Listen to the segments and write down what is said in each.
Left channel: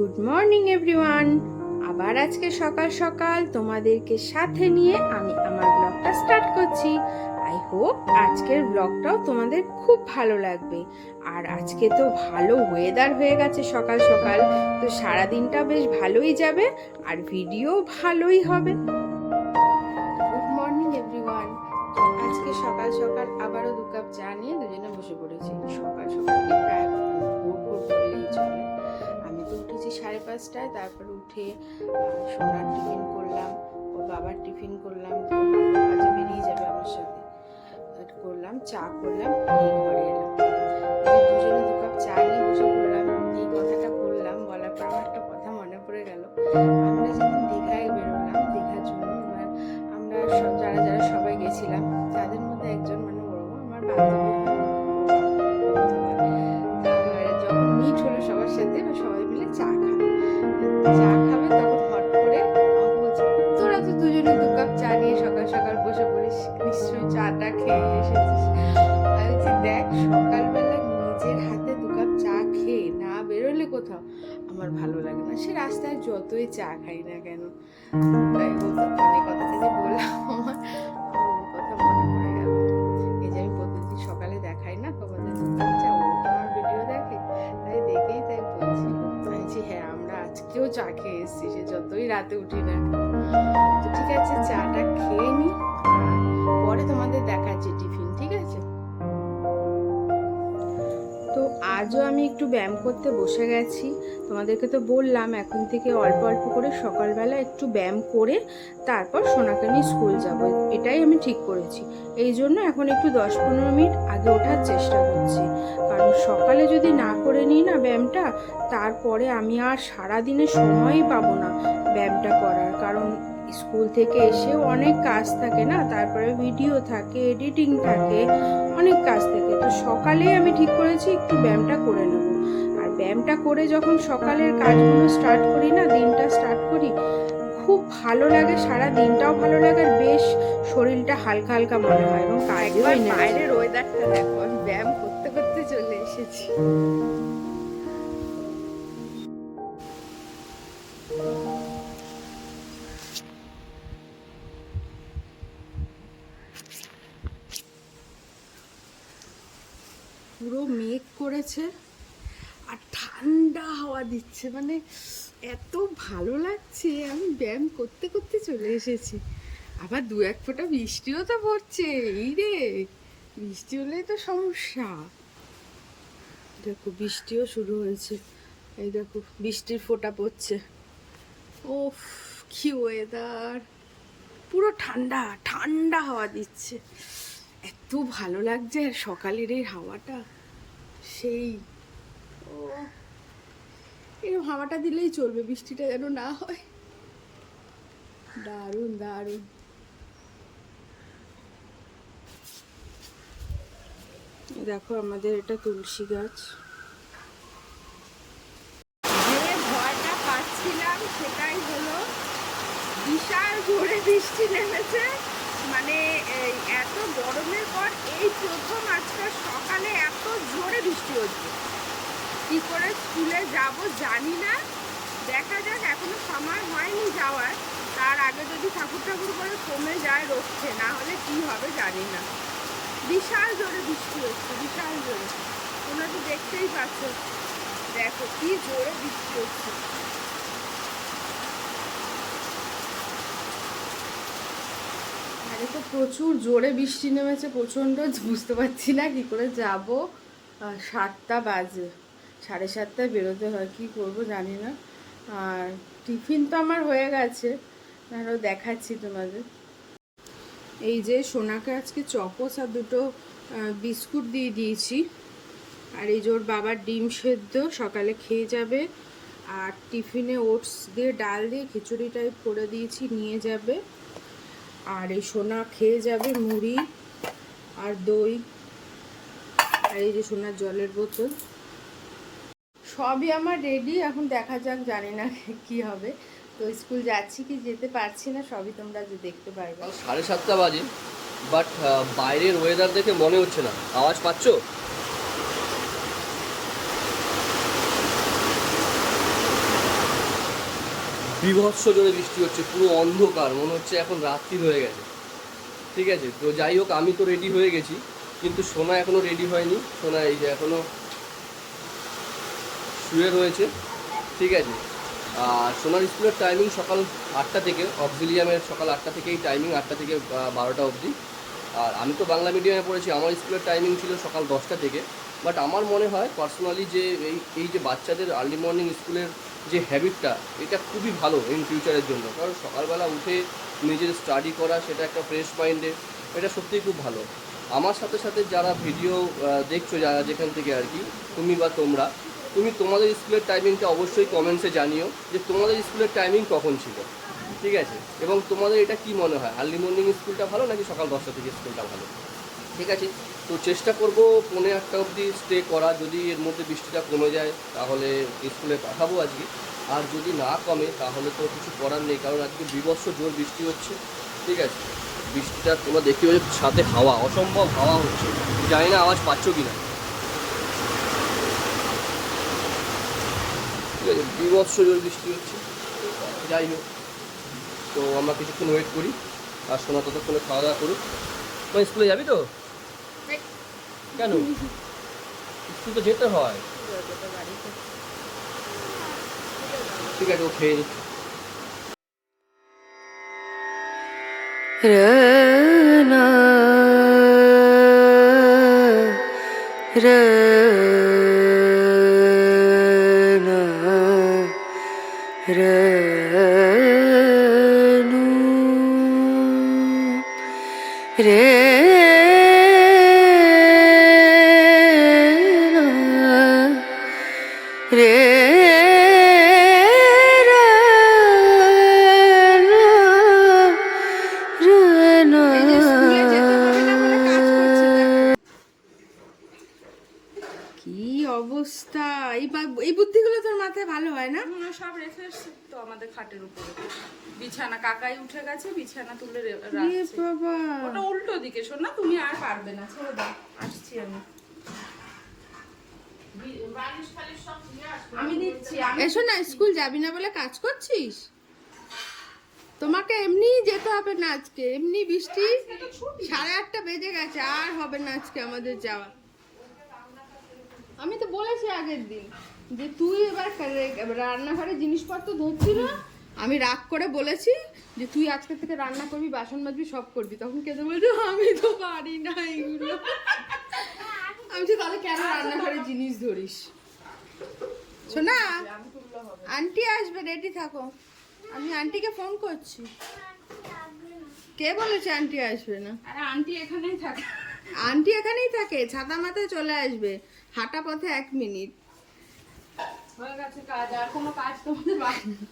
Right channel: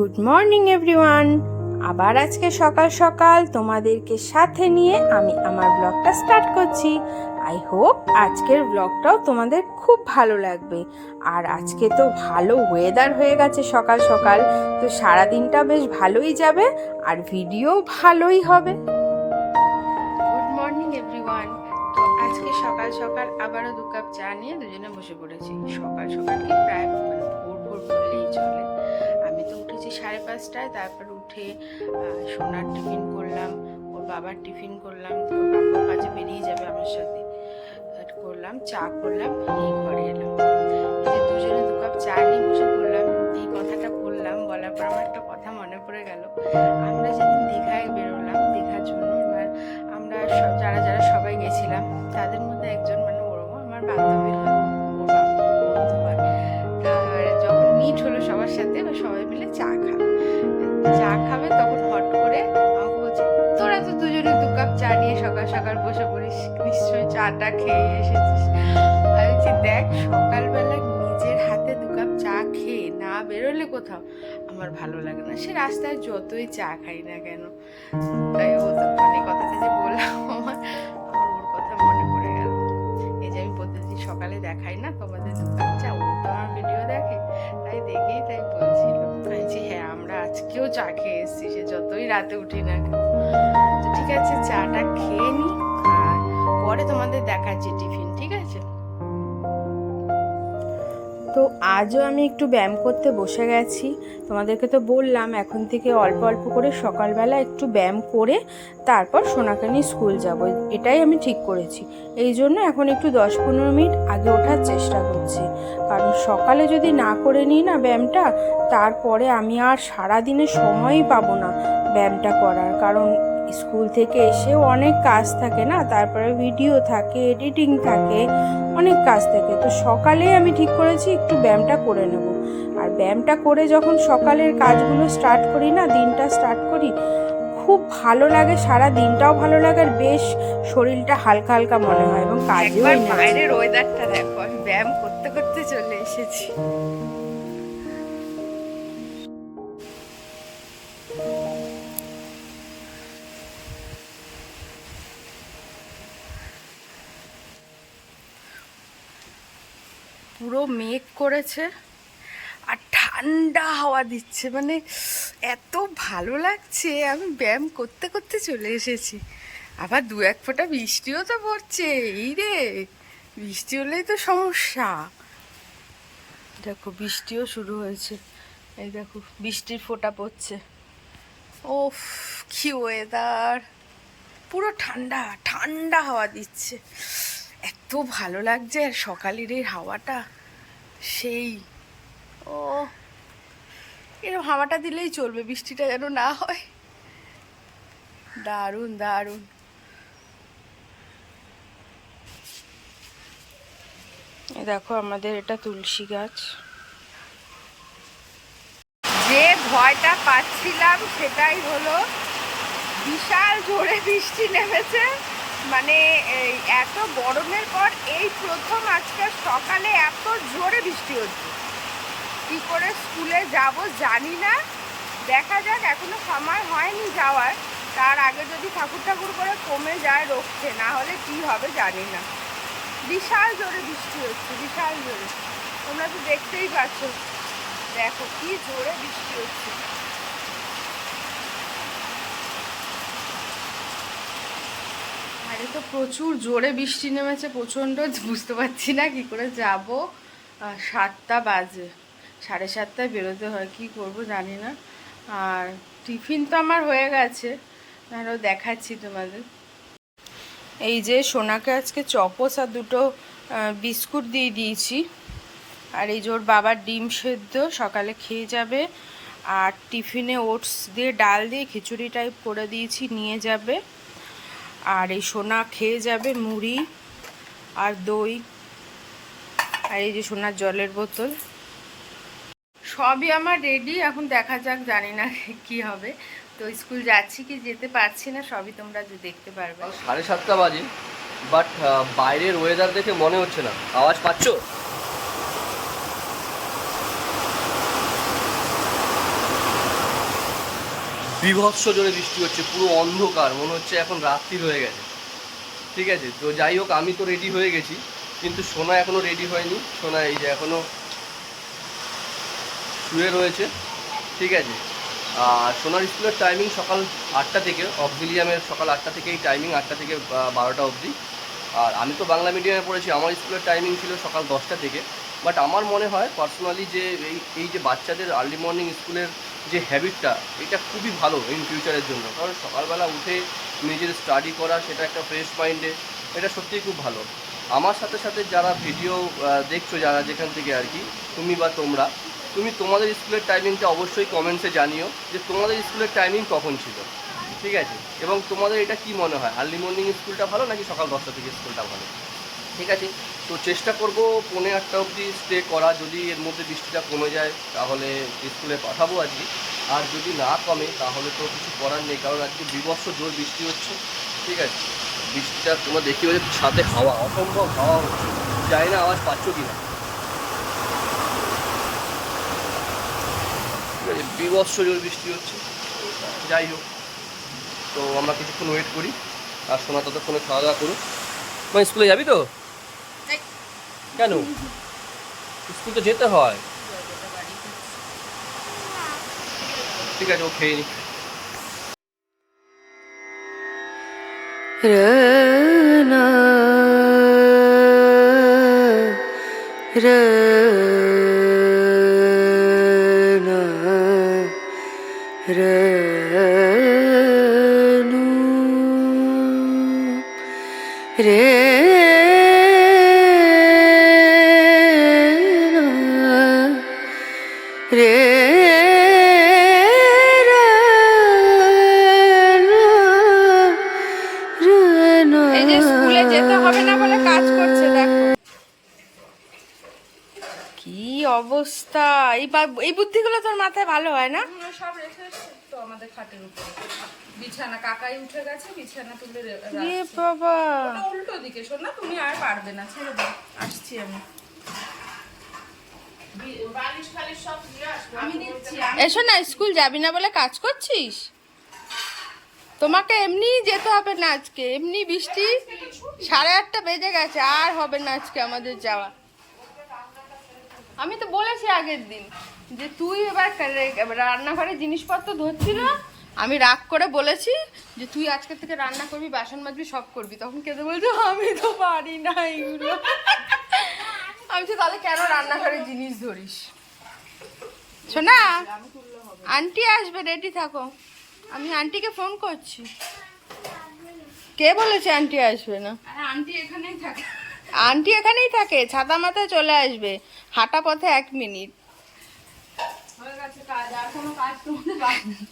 Good morning everyone. আবার আজকে সকাল সকাল তোমাদেরকে সাথে নিয়ে আমি আমার ব্লগটা স্টার্ট করছি। আই হোপ আজকের ব্লগটাও তোমাদের খুব ভালো লাগবে। আর আজকে তো ভালো ওয়েদার হয়ে গেছে সকাল সকাল, তো সারাদিনটা বেশ ভালোই যাবে আর ভিডিও ভালোই হবে। Good morning everyone. তো আজকে সকাল সকাল আবারও 2 কাপ চা নিয়ে দুজনে বসে পড়েছি। সকাল সকাল কি প্রায় ভোর ভোর বললেই চলে। আমি তো উঠেছি 5:30টায়, তারপর উঠে সোনার টিফিন করলাম, ওর বাবার টিফিন করলাম, ওর বাবা কাজে বেরিয়ে যাবে আমার সাথে, করলাম চা করলাম, এই ঘরে এলাম। এই যে দুজনে 2 কাপ চা নিয়ে বসে পড়লাম। এই কথাটা বললাম, বলার পর আমার একটা কথা মনে পড়ে গেল। আমরা যেদিন দীঘায় বেরোলাম দীঘার জন্য, এবার আমরা যারা যারা সবাই গেছিলাম তাদের মধ্যে একজন মানে ওরও আমার বান্ধবী হয়, ওর বন্ধু হয়। যখন মিট হলো সবার সাথে, সবাই মিলে চা খাবে তখন হট করে আমাকে বলছে, তোরা তো দুজনে 2 কাপ চা নিয়ে সকাল সকাল বসে পড়িস, নিশ্চয়ই চাটা খেয়ে এসেছিস। আমি বলছি, দেখ সকালবেলা নিজের হাতে 2 কাপ চা খেয়ে না বেরোলে কোথাও আমার ভালো লাগে না, সে রাস্তায় যতই চা খাই না কেন। তাই ও তো মানে কথাটা যে বললাম, আমার ওর কথা মনে পড়ে গেল। এই যে আমি প্রতিদিন সকালে দেখাই না তোমাদের 2 কাপ চা, ও তো আমার ভিডিও দেখে, তাই দেখেই তাই বলছিল। আমি হ্যাঁ, আমরা আজকেও চা খেয়ে এসেছি, সে যতই রাতে উঠি না কেন। তো ঠিক আছে, চাটা খেয়ে নি, আর পরে তোমাদের দেখাচ্ছি টিফিন, ঠিক আছে? তো আজও আমি একটু ব্যায়াম করতে বসে গেছি। তোমাদেরকে তো বললাম এখন থেকে অল্প অল্প করে সকালবেলা একটু ব্যায়াম করে তারপর সোনাকে নিয়ে স্কুল যাব, এটাই আমি ঠিক করেছি। এই জন্য এখন একটু 10-15 মিনিট আগে ওঠার চেষ্টা করছি, কারণ সকালে যদি না করে নিই না ব্যায়ামটা, তারপরে আমি আর সারাদিনে সময়ই পাবো না ব্যায়ামটা করার। কারণ স্কুল থেকে এসেও অনেক কাজ থাকে না, তারপরে ভিডিও থাকে, এডিটিং থাকে, অনেক কাজ থাকে। তো সকালেই আমি ঠিক করেছি একটু ব্যায়ামটা করে নেব। আর ব্যায়ামটা করে যখন সকালের কাজগুলো স্টার্ট করি না, দিনটা স্টার্ট করি, খুব ভালো লাগে, সারা দিনটাও ভালো লাগে, আর বেশ শরীরটা হালকা হালকা মনে হয় এবং কাজেও বাইরের ওয়েদারটা দেখো। আমি ব্যায়াম করতে করতে চলে এসেছি। পুরো মেঘ করেছে আর ঠান্ডা হাওয়া দিচ্ছে, মানে এত ভালো লাগছে। আমি ব্যায়াম করতে করতে চলে এসেছি। আবার 2-1 ফোঁটা বৃষ্টিও তো পড়ছে। এই রে, বৃষ্টি হলেই তো সমস্যা। দেখো বৃষ্টিও শুরু হয়েছে, এই দেখো বৃষ্টির ফোঁটা পড়ছে। ওফ, কি ওয়েদার! পুরো ঠান্ডা ঠান্ডা হাওয়া দিচ্ছে, এত ভালো লাগছে। আর সকালের এই হাওয়াটা সেই, ও এরকম হাওয়াটা দিলেই চলবে, বৃষ্টিটা যেন না হয়। দারুণ দারুণ। এই দেখো আমাদের এটা তুলসী গাছ। যে ভয়টা পাচ্ছিলাম সেটাই হলো, বিশাল জোরে বৃষ্টি নেমেছে। মানে এত গরমের পর এই প্রথম আজকে সকালে এত জোরে বৃষ্টি হচ্ছে। কি করে স্কুলে যাব জানি না, দেখা যাক, এখনো সময় হয়নি যাওয়ার। তার আগে যদি ঠাকুর করে কমে যায় রক্ষে, না হলে কি হবে জানি না। বিশাল জোরে বৃষ্টি হচ্ছে, বিশাল জোরে। তোমরা তো দেখতেই পাচ্ছ, দেখো কি জোরে বৃষ্টি হচ্ছে। আরে তো প্রচুর জোরে বৃষ্টি নেমেছে, প্রচণ্ড। বুঝতে পারছি না কি করে যাব। 7টা বাজে, 7:30টায় বেরোতে হয়, কি করব জানি না। আর টিফিন তো আমার হয়ে গেছে, আরও দেখাচ্ছি তোমাদের। এই যে সোনাকে আজকে চকোস আর 2টো বিস্কুট দিয়ে দিয়েছি। আর এই যে ওর বাবার ডিম সেদ্ধ সকালে খেয়ে যাবে, আর টিফিনে ওটস দিয়ে ডাল দিয়ে খিচুড়ি টাইপ করে দিয়েছি, নিয়ে যাবে। আর এই সোনা খেয়ে যাবে মুড়ি আর দই, আর এই যে সোনার জলের বোতল, সবই আমার রেডি। এখন দেখা যাক, জানি না কি হবে। তো স্কুল যাচ্ছি কি যেতে পারছি না, সবই তোমরা দেখতে পারবে। 7:30 বাজে, বাট বাইরের ওয়েদার দেখে মনে হচ্ছে না। আওয়াজ পাচ্ছো? বীভৎস জোরে বৃষ্টি হচ্ছে, পুরো অন্ধকার, মনে হচ্ছে এখন রাত্রি হয়ে গেছে। ঠিক আছে, তো যাই হোক, আমি তো রেডি হয়ে গেছি, কিন্তু সোনা এখনও রেডি হয়নি। সোনা এই যে এখনও শুয়ে রয়েছে। ঠিক আছে, আর সোনার স্কুলের টাইমিং সকাল 8টা থেকে, অক্সিলিয়ামের সকাল 8টা থেকেই টাইমিং, 8টা থেকে 12টা অবধি। আর আমি তো বাংলা মিডিয়ামে পড়েছি, আমার স্কুলের টাইমিং ছিল সকাল 10টা থেকে। বাট আমার মনে হয় পার্সোনালি যে এই যে বাচ্চাদের আর্লি মর্নিং স্কুলের যে হ্যাবিটটা, এটা খুবই ভালো ইন ফিউচারের জন্য। কারণ সকালবেলা উঠে নিজের স্টাডি করা, সেটা একটা ফ্রেশ মাইন্ডে, এটা সত্যিই খুব ভালো। আমার সাথে সাথে যারা ভিডিও দেখছো, যারা যেখান থেকে আর কি, তুমি বা তুমি তোমাদের স্কুলের টাইমিংটা অবশ্যই কমেন্টসে জানিও যে তোমাদের স্কুলের টাইমিং কখন ছিল। ঠিক আছে, এবং তোমাদের এটা কি মনে হয়, আর্লি মর্নিং স্কুলটা ভালো নাকি সকাল 10টা থেকে স্কুলটা ভালো? ঠিক আছে, তো চেষ্টা করব 7:45 অবধি স্টে করা। যদি এর মধ্যে বৃষ্টিটা কমে যায় তাহলে স্কুলে পাঠাবো আজকে, আর যদি না কমে তাহলে তো কিছু করার নেই, কারণ আজকে বীভৎস জোর বৃষ্টি হচ্ছে। ঠিক আছে, বৃষ্টিটা তোমরা দেখতে পাচ্ছ, সাথে হাওয়া, অসম্ভব হাওয়া হচ্ছে, জানি না আওয়াজ পাচ্ছ কিনা। ঠিক আছে, বীভৎস জোর বৃষ্টি হচ্ছে। যাই হোক, তো আমরা কিছুক্ষণ ওয়েট করি, আর সোনা ততক্ষণে খাওয়া দাওয়া করুক। মানে স্কুলে যাবি তো? কেন? স্কুল তো যেতে হয়। ঠিক আছে, ও খেয়ে নি। এই যে স্কুলে যেতে হবে না বলে কাজ করছে, দেখো কি অবস্থা। এই বুদ্ধিগুলো তোর মাথায় ভালো হয় না? সব রেখে এসছে তো আমাদের খাটের উপরে, বিছানা কাকাই উঠে গেছে, বিছানা তুলে ইয়ে বাবা, ওটা উল্টো দিকে। শোন না, তুমি আর পারবে না, ছেড়ে দাও, আসছি আমি। আমি দিচ্ছি। এসো না, স্কুল যাবি না বলে কাজ করছিস? তোমাকে এমনি যেতে হবে না আজকে, এমনি বৃষ্টি 8:30 বেজে গেছে, আর হবে না আজকে আমাদের যাওয়া। আমি তো বলেছি আগের দিন যে তুই এবার রান্নাঘরে জিনিসপত্র ধরছিল, আমি রাগ করে বলেছি যে তুই আজকে থেকে রান্না করবি, বাসন মাজবি, সব করবি। তখন কেঁদে বলছো আমি তো পারি না এইগুলো। আমি তো তাহলে কেন রান্নাঘরে জিনিস ধরিস? শোনা, আন্টি আসবে, রেডি থাকো। আমি আন্টিকে ফোন করছি। কে বলেছে আন্টি আসবে না? আরে আন্টি এখানেই থাকে। আন্টি এখানেই থাকে, ছাতা মাথায় চলে আসবে, হাঁটা পথে 1 মিনিট। হয়ে গেছে কাজ, আর কোনো কাজ তোমাদের বাকি নেই।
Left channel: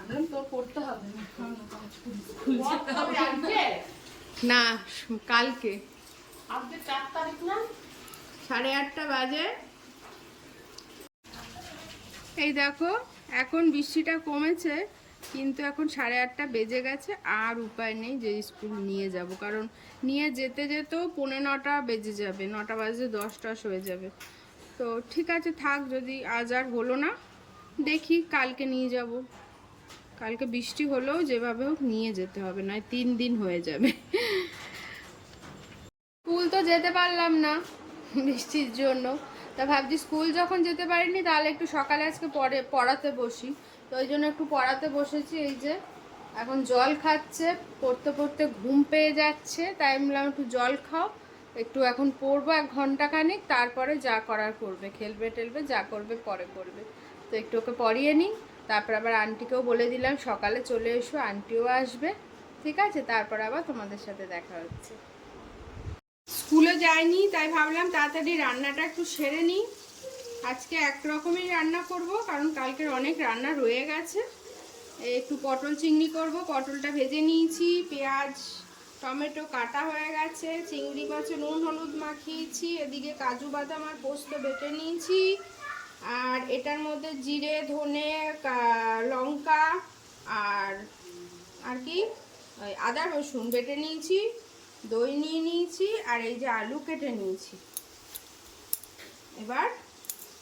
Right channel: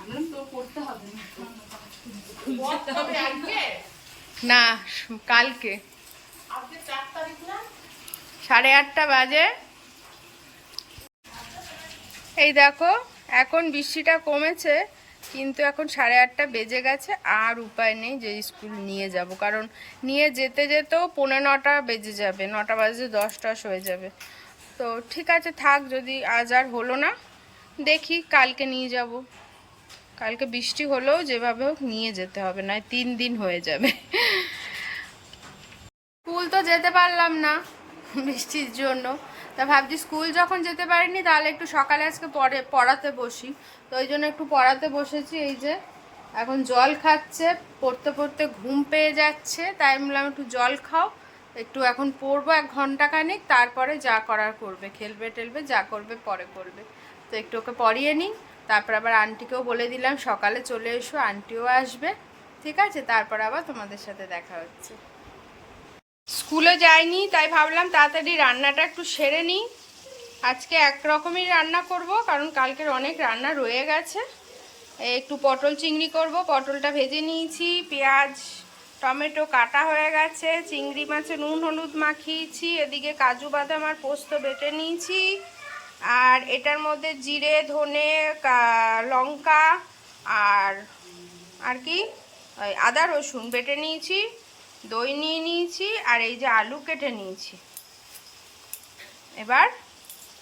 আমি তো করতে হবে না, না, কালকে 8:30 বাজে। এই দেখো, এখন বৃষ্টিটা কমেছে, কিন্তু এখন 8:30 বেজে গেছে। আর উপায় নেই যে স্কুল নিয়ে যাব, কারণ নিয়ে যেতে যেতেও 9:45 বেজে যাবে, 9টা বাজে 10 হয়ে যাবে। তো ঠিক আছে, থাক, যদি আজ আর হলো না, দেখি কালকে নিয়ে যাব। কালকে বৃষ্টি হলেও যেভাবে হোক নিয়ে যেতে হবে, নয় 3 দিন হয়ে যাবে। স্কুল তো যেতে পারলাম না বৃষ্টির জন্য, তা ভাবছি স্কুল যখন যেতে পারিনি তাহলে একটু সকালে আজকে পড়াতে বসি। তো ওই জন্য একটু পড়াতে বসেছি। এই যে এখন জল খাচ্ছে, পড়তে পড়তে ঘুম পেয়ে যাচ্ছে, তাই বললাম একটু জল খাও, একটু এখন পড়বো 1 ঘন্টা খানিক, তারপরে যা করার করবে, খেলবে টেলবে, যা করবে পরে করবে। তো একটু ওকে পড়িয়ে নিই, তারপর আবার আন্টিকেও বলে দিলাম সকালে চলে এসো, আন্টিও আসবে। ঠিক আছে, তারপর আবার তোমাদের সাথে দেখা হচ্ছে। স্কুলে যাইনি, তাই ভাবলাম তাড়াতাড়ি রান্নাটা একটু সেরে নিই। আজকে এক রকমই রান্না করব, কারণ কালকের অনেক রান্না রয়ে গেছে। একটু পটল চিংড়ি করব, পটলটা ভেজে নিয়েছি, পেঁয়াজ টমেটো কাটা হয়ে গেছে, চিংড়ি মাছে নুন হলুদ মাখিয়েছি, এদিকে কাজু বাদাম আর পোস্ত বেটে নিয়েছি, আর এটার মধ্যে জিরে ধনে লঙ্কা আর আর কি আদা রসুন বেটে নিয়েছি, দই নিয়ে নিয়েছি, আর এই যে আলু কেটে নিয়েছি। এবার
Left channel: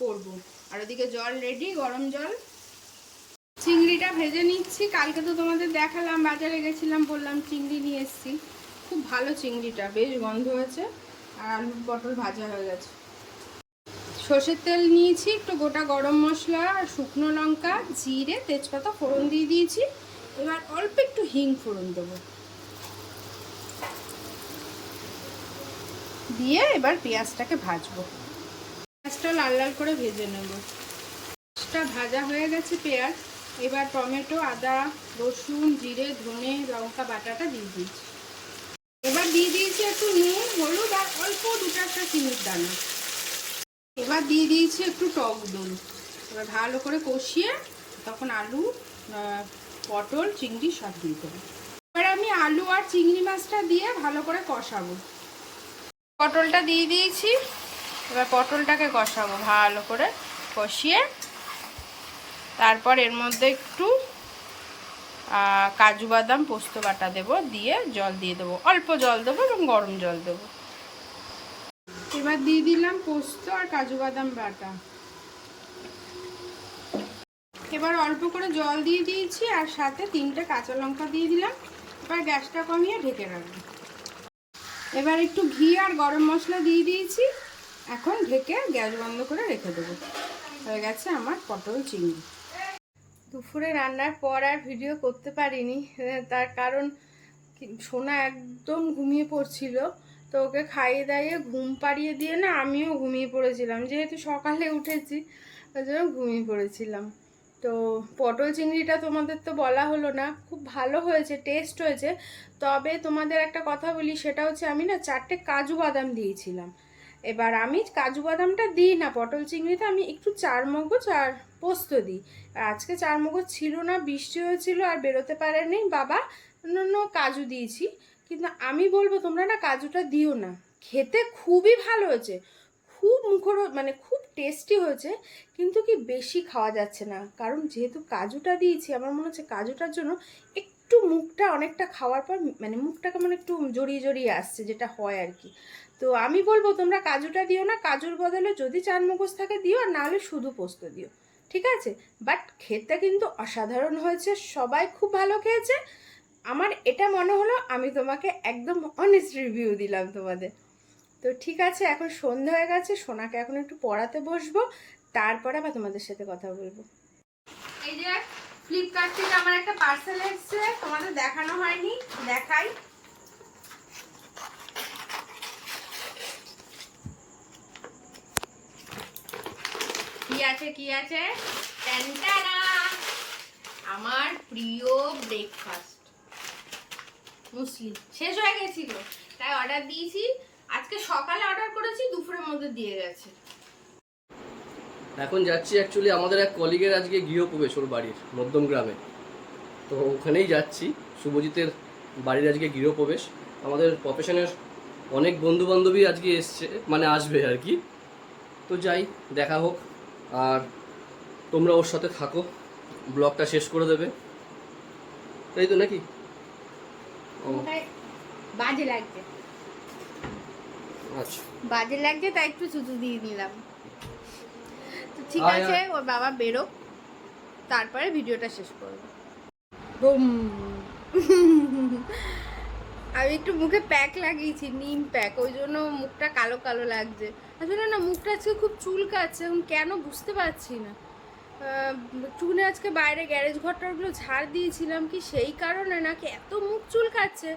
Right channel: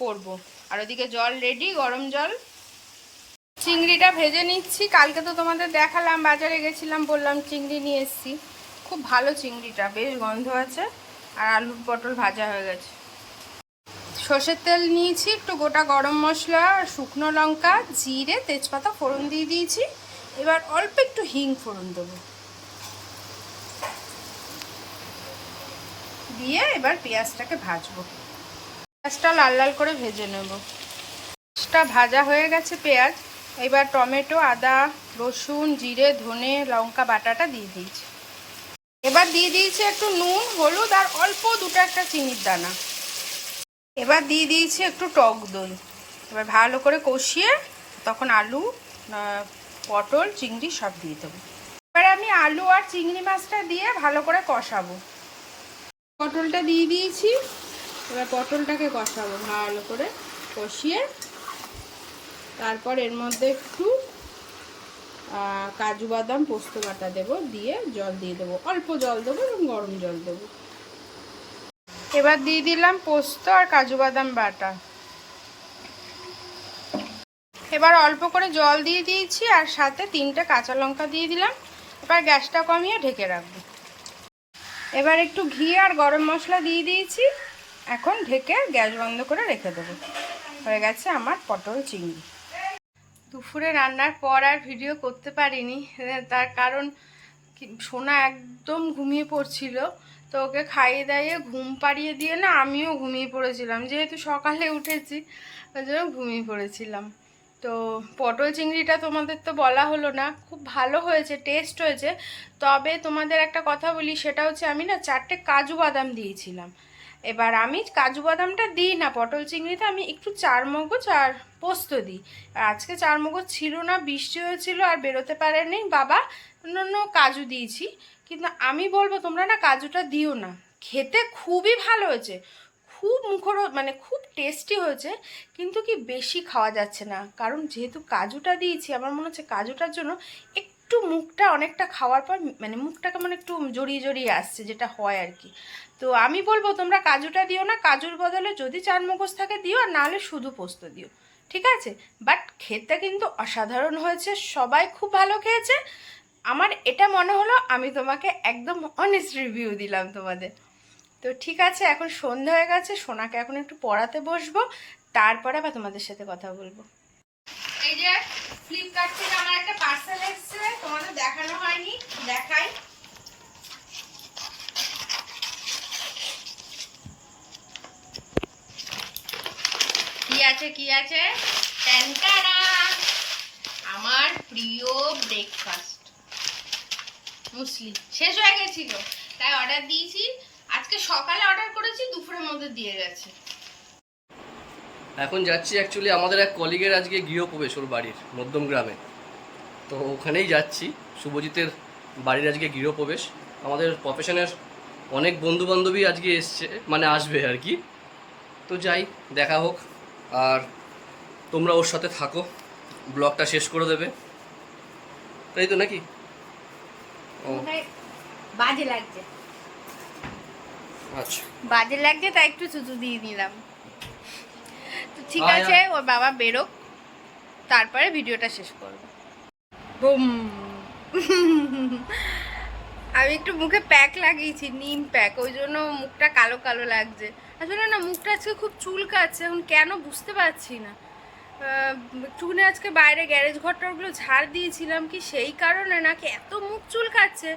করব, আর ওদিকে জল রেডি, গরম জল। চিংড়িটা ভেজে নিচ্ছি। কালকে তো তোমাদের দেখালাম, বাজারে গেছিলাম, বললাম চিংড়ি নিয়ে এসেছি। খুব ভালো চিংড়িটা, বেশ গন্ধ আছে। আর আলু পটল ভাজা হয়ে গেছে। সর্ষের তেল নিয়েছি, একটু গোটা গরম মশলা, শুকনো লঙ্কা, জিরে, তেজপাতা ফোড়ন দিয়ে দিয়েছি। এবার অল্প একটু হিং ফোড়ন দেবো, দিয়ে এবার পেঁয়াজটাকে ভাজবো। পেঁয়াজটা লাল লাল করে ভেজে নেব। পেঁয়াজটা ভাজা হয়ে গেছে পেঁয়াজ। এবার টমেটো, আদা, রসুন, জিরে, ধনে, লঙ্কা বাটাটা দিয়ে দিয়েছি। এবার দিয়ে দিয়েছি একটু নুন, হলুদ আর অল্প দুটো একটা চিনির দানা। এবার দিয়ে দিয়েছি একটু টক দই। এবার ভালো করে কষিয়ে তখন আলু, পটল, চিংড়ি সব দিয়ে দেবো। এবার আমি আলু আর চিংড়ি মাছটা দিয়ে ভালো করে কষাবো। পটলটা দিয়ে দিয়েছি। এবার পটলটাকে কষাবো ভালো করে, কষিয়ে তারপর এর মধ্যে একটু কাজু বাদাম পোস্ত বাটা দেবো, দিয়ে জল দিয়ে দেবো, অল্প জল দেবো এবং গরম জল দেবো। এবার দিয়ে দিলাম পোস্ত আর কাজু বাদাম বাটা। এবার অল্প করে জল দিয়ে দিয়েছি আর সাথে 3টে কাঁচা লঙ্কা দিয়ে দিলাম। এবার গ্যাসটা কমিয়ে ঢেকে রাখবো। এবার একটু ঘি আর গরম মশলা দিয়ে দিয়েছি। এখন ঢেকে গ্যাস বন্ধ করে রেখে দেবো। হয়ে গেছে আমার পটল চিংড়ি। দুপুরে রান্নার পর আর ভিডিও করতে পারিনি, তার কারণ সোনা একদম ঘুমিয়ে পড়ছিল। তো ওকে খাইয়ে দাইয়ে ঘুম পাড়িয়ে দিয়ে না আমিও ঘুমিয়ে পড়েছিলাম, যেহেতু সকালে উঠেছি ওই জন্য ঘুমিয়ে পড়েছিলাম। তো পটল চিংড়িটা তোমাদের তো বলা হলো না, খুব ভালো হয়েছে, টেস্ট হয়েছে। তবে তোমাদের একটা কথা বলি, সেটা হচ্ছে আমি না 4টে কাজু বাদাম দিয়েছিলাম। এবার আমি কাজু বাদামটা দিই না পটল চিংড়িতে, আমি একটু চারমগজ আর পোস্ত দিই। আর আজকে চারমগজ ছিল না, বৃষ্টি হয়েছিল আর বেরোতে পারেনি বাবা, অন্য কাজু দিয়েছি। কিন্তু আমি বলবো তোমরা না কাজুটা দিও না, খেতে খুবই ভালো হয়েছে, খুব মানে খুব টেস্টি হয়েছে। কিন্তু কি বেশি খাওয়া যাচ্ছে না, কারণ যেহেতু কাজুটা দিয়েছি আমার মনে হচ্ছে কাজুটার জন্য একটু মুখটা অনেকটা খাওয়ার পর মানে মুখটা কেমন একটু জড়িয়ে জড়িয়ে আসছে, যেটা হয় আর কি। তো আমি বলবো তোমরা কাজুটা দিও না, কাজুর বদলে যদি চারমগজ থাকে দিও, আর নাহলে শুধু পোস্ত দিও, ঠিক আছে। বাট খেতে কিন্তু অসাধারণ হয়েছে, সবাই খুব ভালো খেয়েছে। আমার এটা মনে হলো আমি তোমাকে একদম অনেস্ট রিভিউ দিলাম তোমাদের। তো ঠিক আছে, এখন সন্ধ্যা হয়ে গেছে, সোনাকে এখন একটু পড়াতে বসবো, তারপরে আবার তোমাদের সাথে কথা বলবো। এই যে ফ্লিপকার্ট থেকে আমার একটা পার্সেল এসেছে, তোমাদের দেখানো হয়নি, দেখাই। কি আছে কি আছে? ট্যান্টারা, আমার প্রিয় ব্রেকফাস্ট মুসলি শেষ হয়ে গেছিল, তাই অর্ডার দিয়েছি। আজকে সকালে অর্ডার করেছি, দুপুরের মধ্যে দিয়ে গেছে। এখন যাচ্ছি অ্যাকচুয়ালি আমাদের এক কলিগের আজকে গৃহপ্রবেশ ওর বাড়ির মধ্যম গ্রামে, তো ওখানেই যাচ্ছি। শুভজিতের বাড়ির আজকে গৃহপ্রবেশ। আমাদের প্রফেশনের অনেক বন্ধু বান্ধবী আজকে এসছে, মানে আসবে আর কি। তো যাই, দেখা হোক। আর তোমরা ওর সাথে থাকো, ব্লগটা শেষ করে দেবে, তাই তো নাকি? ও বাজে লাগছে, আচ্ছা বাজে লাগছে তাই একটু চুচু দিয়ে নিলাম। তো ঠিক আছে, ওর বাবা বেরোক, তারপরে ভিডিওটা শেষ করব। বুম। আমি একটু মুখে প্যাক লাগিয়েছি, নিম প্যাক, ওই জন্য মুখটা কালো কালো লাগছে। আসলে না মুখটা আজকে খুব চুলকাচ্ছে, এখন কেন বুঝতে পারছি না। চুনে আজকে বাইরে গ্যারেজ ঘরটাগুলো ঝাড় দিয়েছিলাম, কি সেই কারণে নাকি এত মুখ চুলকাচ্ছে,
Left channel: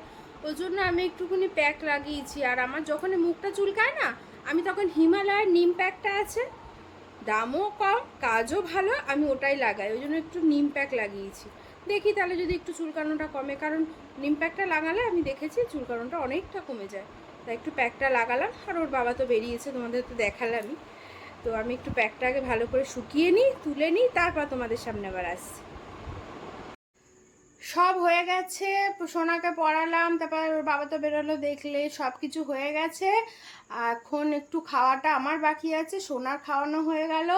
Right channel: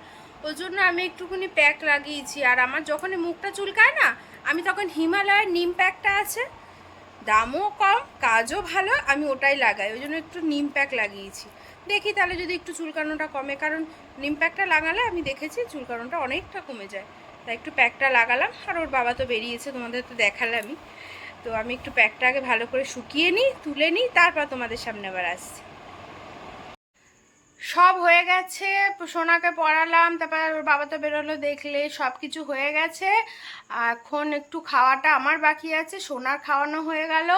ওই জন্য আমি একটুখানি প্যাক লাগিয়েছি। আর আমার যখনই মুখটা চুলকায় না, আমি তখন হিমালয়ের নিম প্যাকটা আছে, দামও কম, কাজও ভালো, আমি ওটাই লাগাই, ওই জন্য একটু নিম প্যাক লাগিয়েছি। দেখি তাহলে যদি একটু চুলকানোটা কমে, কারণ নিম প্যাকটা লাগালে আমি দেখেছি চুলকানোটা অনেকটা কমে যায়। তাই একটু প্যাকটা লাগালাম। আর ওর বাবা তো বেরিয়েছে, তোমাদের তো দেখালামই। তো আমি একটু প্যাকটা আগে ভালো করে শুকিয়ে নিই, তুলে নিই, তারপর তোমাদের সামনে আবার আসছি। সব হয়ে গেছে, সোনাকে পড়ালাম, তারপর ওর বাবা তো বেরোলো, দেখলে সব কিছু হয়ে গেছে। এখন একটু খাওয়াটা আমার বাকি আছে, সোনার খাওয়ানো হয়ে গেল,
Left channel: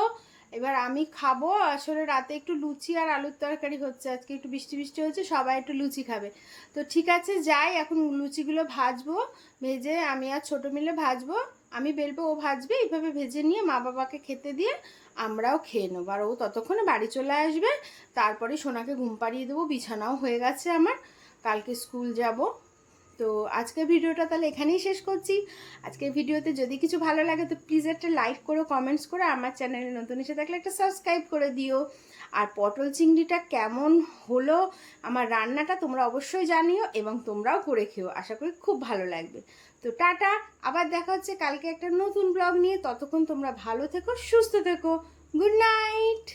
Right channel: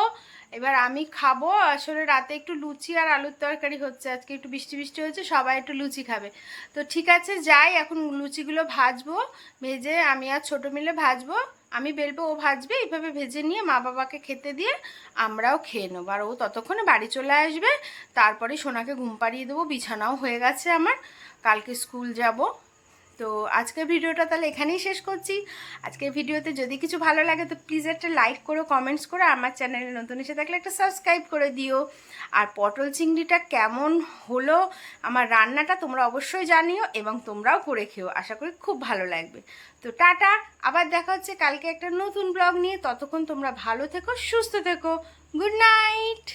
এবার আমি খাবো। আসলে রাতে একটু লুচি আর আলুর তরকারি হচ্ছে, আজকে একটু বৃষ্টি বৃষ্টি হচ্ছে, সবাই একটু লুচি খাবে। তো ঠিক আছে যাই, এখন লুচিগুলো ভাজবো, ভেজে আমি আর ছোটো মিলে ভাজবো, আমি বেলবো ও ভাজবে, এইভাবে ভেজে নিয়ে মা বাবাকে খেতে দিয়ে আমরাও খেয়ে নেবো। আর ও ততক্ষণে বাড়ি চলে আসবে, তারপরে সোনাকে ঘুম পাড়িয়ে দেবো। বিছানাও হয়ে গেছে আমার, কালকে স্কুল যাব। তো আজকের ভিডিওটা তাহলে এখানেই শেষ করছি। আজকের ভিডিওতে যদি কিছু ভালো লাগে তো প্লিজ একটা লাইক করো, কমেন্টস করো, আমার চ্যানেলে নতুন এসে থাকলে একটা সাবস্ক্রাইব করে দিও। আর পটল চিংড়িটা কেমন হলো আমার রান্নাটা তোমরা অবশ্যই জানিও, এবং তোমরাও করে খেও, আশা করি খুব ভালো লাগবে। তো টাটা, আবার দেখা হচ্ছে কালকে একটা নতুন ব্লগ নিয়ে। ততক্ষণ তোমরা ভালো থেকো, সুস্থ থেকো। Good night.